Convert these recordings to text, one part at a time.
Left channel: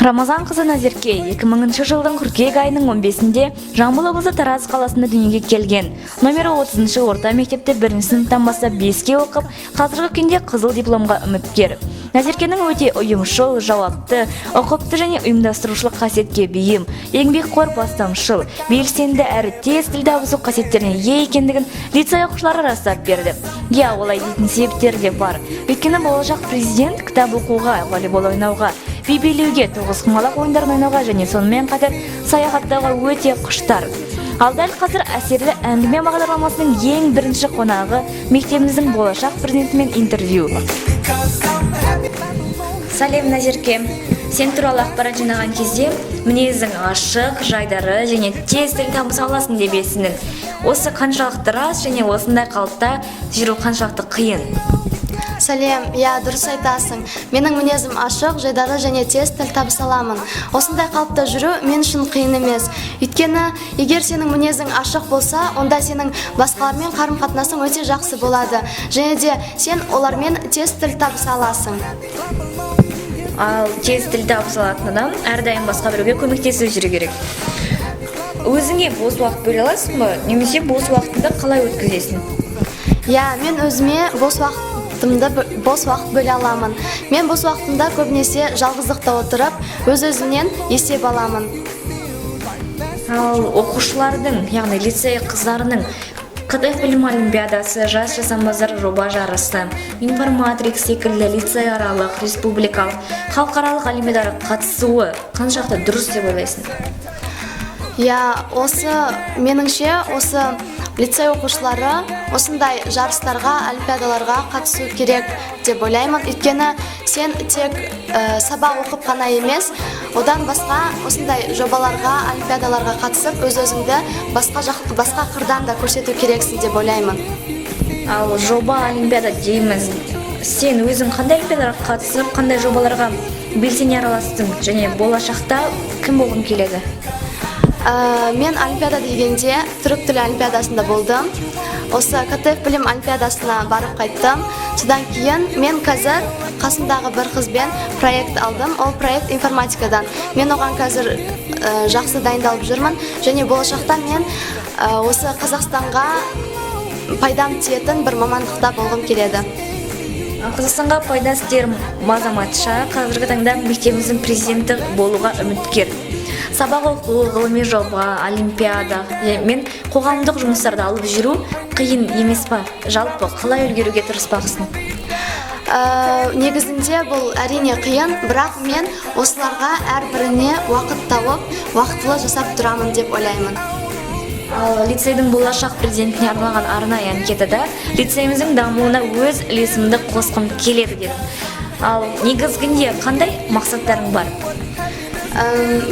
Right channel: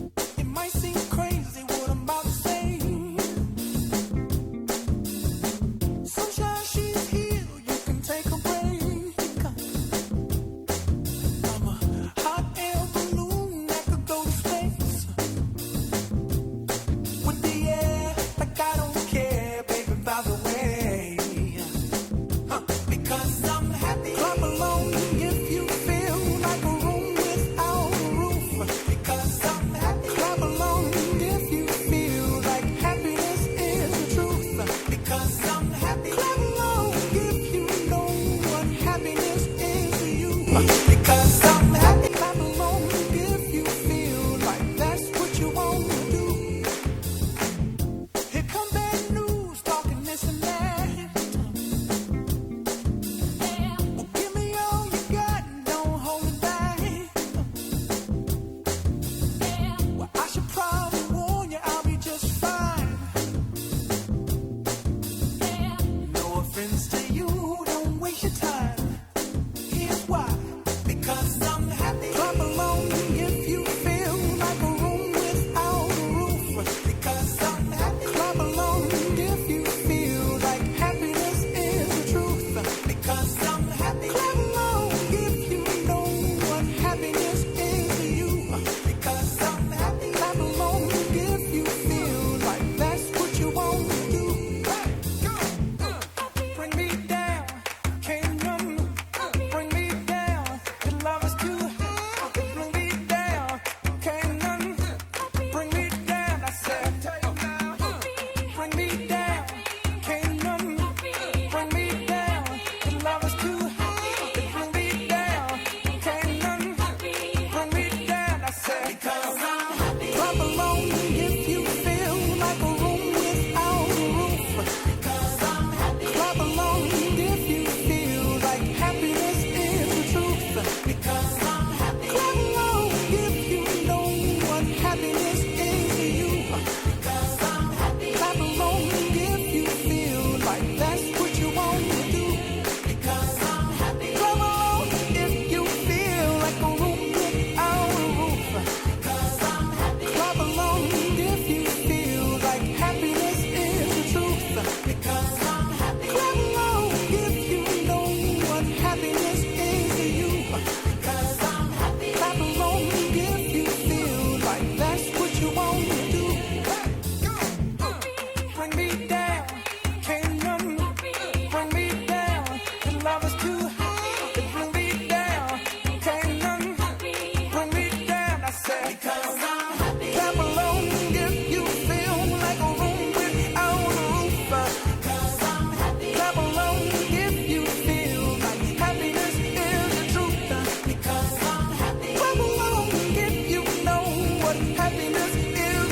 Рамазан қызы Назерке 2000 жылдың қыркүйек айының 15-інде Жамбыл облысы Тараз қаласында дүниеге келген. Номері 30-шы орта мектепте 1-ші сыныптан бастап 5-ке оқып, қазіргі күнде қызыл дипломға үміткер. Назеркенің өте ұйымшыл, жауапты, ұқыпты және ұйымдастырушылық қасиетке бейім, еңбекқор, бастамшыл, белсенді әрі тез тіл табысу қасиеттеріне ие екендігін лицей оқушылары растап берді. Олай дейтін себептері де бар. Өйткені болашақ президент кітап оқуға, волейбол ойнауға, би билеуге, тоғызқұмалақ ойындарын ойнауға және сонымен қатар саяхаттауға өте құштар. Ал дәл қазір әсерлі әңгіме бағдарламасының ең бірінші қонағы мектебіміздің болашақ президентімен интервью. Сәлем, Назерке. Сен туралы ақпарат жинаған кезде мінезің ашық, жайдары және тез тіл табыса аласың деп естідім. Осы қаншалықты рас және осындай қалыпта жүру қаншалықты қиын? Сәлем, дұрыс айтасың. Менің мінезім ашық, жайдары және тез тіл табыса аламын. Осындай қалыпта жүру мен үшін қиын емес. Өйткені, егер сенің мінезің ашық болса, онда сенің басқалармен қарым-қатынасың өте жақсы болады. Және де сен олармен тез тіл табыса аласың. Ал тез тіл табыса алатын адам әрдайым басқа біреуге көмектесіп жүру керек. Өзіңе бос уақыт бөле аласың ба? Немесе бос уақытты қалай өткізесің? Мен өзіме бос уақыт бөле аламын. Мен бос уақытымда көбінесе жалғыздықта отырып, өз-өзімнен есеп аламын. Ал оқушылардың, яғни лицей қыздарының КТФ білім олимпиадасы, жас жасампаздар жоба жарысы, информатрикс секілді лицей аралық, республикалық, халықаралық олимпиадаға қатысуы қаншалықты дұрыс деп ойлайсың? Меніңше, осы лицей оқушылары осындай жарыстарға, олимпиадаларға қатысу керек деп ойлаймын. Өйткені сен тек сабақ оқып қана емес, одан басқа осындай жобаларға, олимпиадаларға қатысып, өз-өзіңді басқа қырдан да көрсету керексің деп ойлаймын. Ал жоба олимпиада дейміз. Сен өзің қандай олимпиадаға қатысып, қандай жобаларға белсене араластың және болашақта кім болғың келеді? Мен олимпиада дегенде түрік тілі олимпиадасында болдым. Осы КТФ білім олимпиадасына барып қайттым. Содан кейін мен қазір қасымдағы бір қызбен проект алдым. Ол проект информатикадан. Мен оған қазір жақсы дайындалып жүрмін. Және болашақта мен осы Қазақстанға пайдам тиетін бір мамандықта болғым келеді. Қазақстанға пайдасы тиер азаматша қазіргі таңда мектебіміздің президенті болуға үміткер. Сабақ оқу, ғылыми жоба, олимпиада мен қоғамдық жұмыстарды алып жүру қиын емес па? Жалпы қалай үлгеруге тырыспақсың? Негізінде бұл әрине қиын, бірақ мен осыларға әрбіріне уақыт тауып, уақытылы жасап тұрамын деп ойлаймын. Лицейдің болашақ президентіне арналған арнайы анкетада лицейіміздің дамуына өз үлесімді қосқым келеді деп. Ал негізгінде қандай мақсаттарың бар?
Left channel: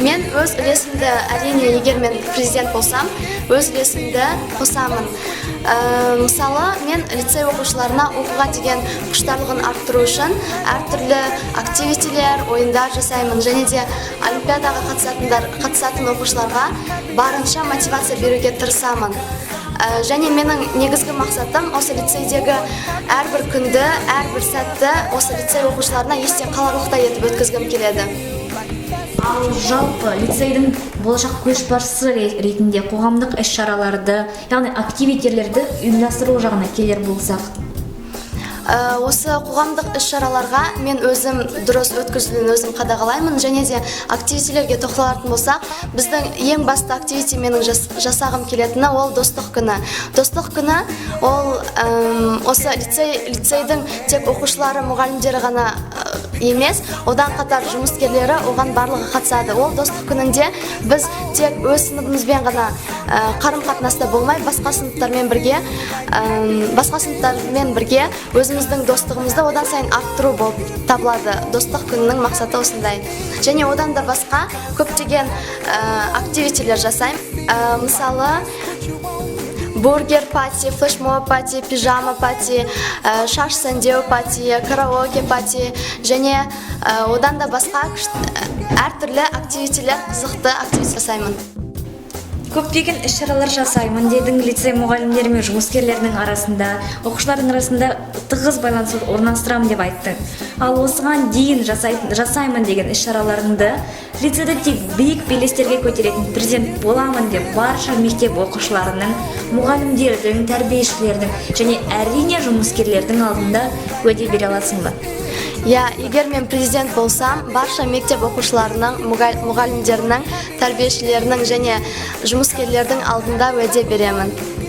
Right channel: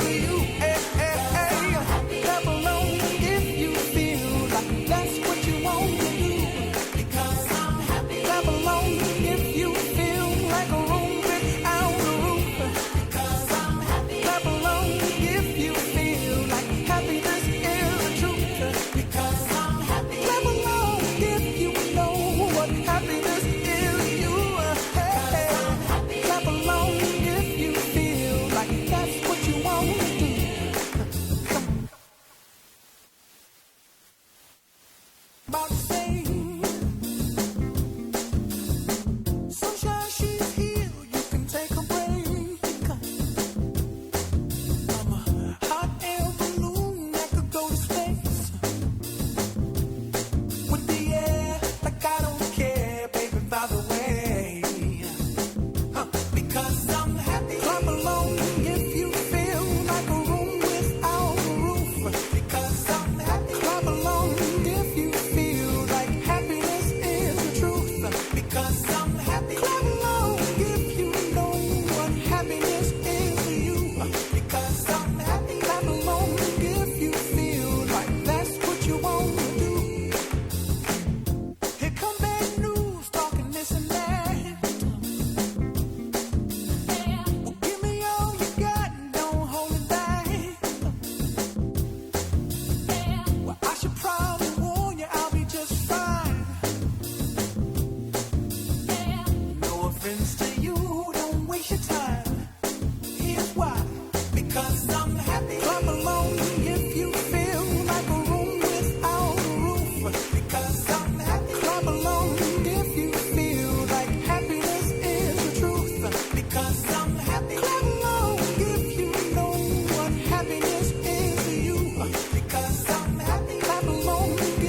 Мен өз үлесімді, әрине, егер мен президент болсам, өз үлесімді қосамын. Мысалы, мен лицей оқушыларына оқуға деген құштарлығын арттыру үшін әртүрлі активитилер, ойындар жасаймын. Және де олимпиадаға қатысатын оқушыларға барынша мотивация беруге тырысамын. Және менің негізгі мақсатым осы лицейдегі әрбір күнді, әрбір сәтті осы лицей оқушыларына есте қаларлықтай етіп өткізгім келеді. Ал жалпы лицейдің болашақ көшбасшысы ретінде қоғамдық іс-шараларды, яғни активитерлерді ұйымдастыру жағына келер болсақ? Осы қоғамдық іс-шараларға мен өзім дұрыс өткізілуін өзім қадағалаймын. Және де активитилерге тоқталатын болсақ, біздің ең басты активити менің жасағым келетіні ол достық күні. Достық күні ол осы лицейдің тек оқушылары, мұғалімдері ғана емес, одан қатар жұмыскерлері оған барлығы қатысады. Ол достық күнінде біз тек өз сыныбымызбен ғана қарым-қатынаста болмай, басқа сыныптармен бірге өзіміздің достығымызды одан сайын арттыру болып табылады. Достық күнінің мақсаты осындай. Және одан да басқа көптеген активитилер жасаймын. Мысалы, бургер пати, флешмоб пати, пижама пати, шаш сәндеу пати, караоке пати және одан да басқа әртүрлі активитилер, қызықты активити жасаймын. Көптеген іс-шаралар жасаймын дедің. Лицей мұғалімдері мен жұмыскерлерінің арасында, оқушылардың арасында тығыз байланыс орналастырамын деп айтты. Ал осыған дейін жасаймын деген іс-шараларыңды лицейде тек биік белестерге көтеретін президент боламын деп барша мектеп оқушыларының, мұғалімдердің, тәрбиешілердің және әрине жұмыскерлердің алдында уәде бере аласың ба? Я, егер мен президент болсам, барша мектеп оқушыларының, мұғалімдерінің, тәрбиешілерінің және жұмыскерлердің алдында уәде беремін.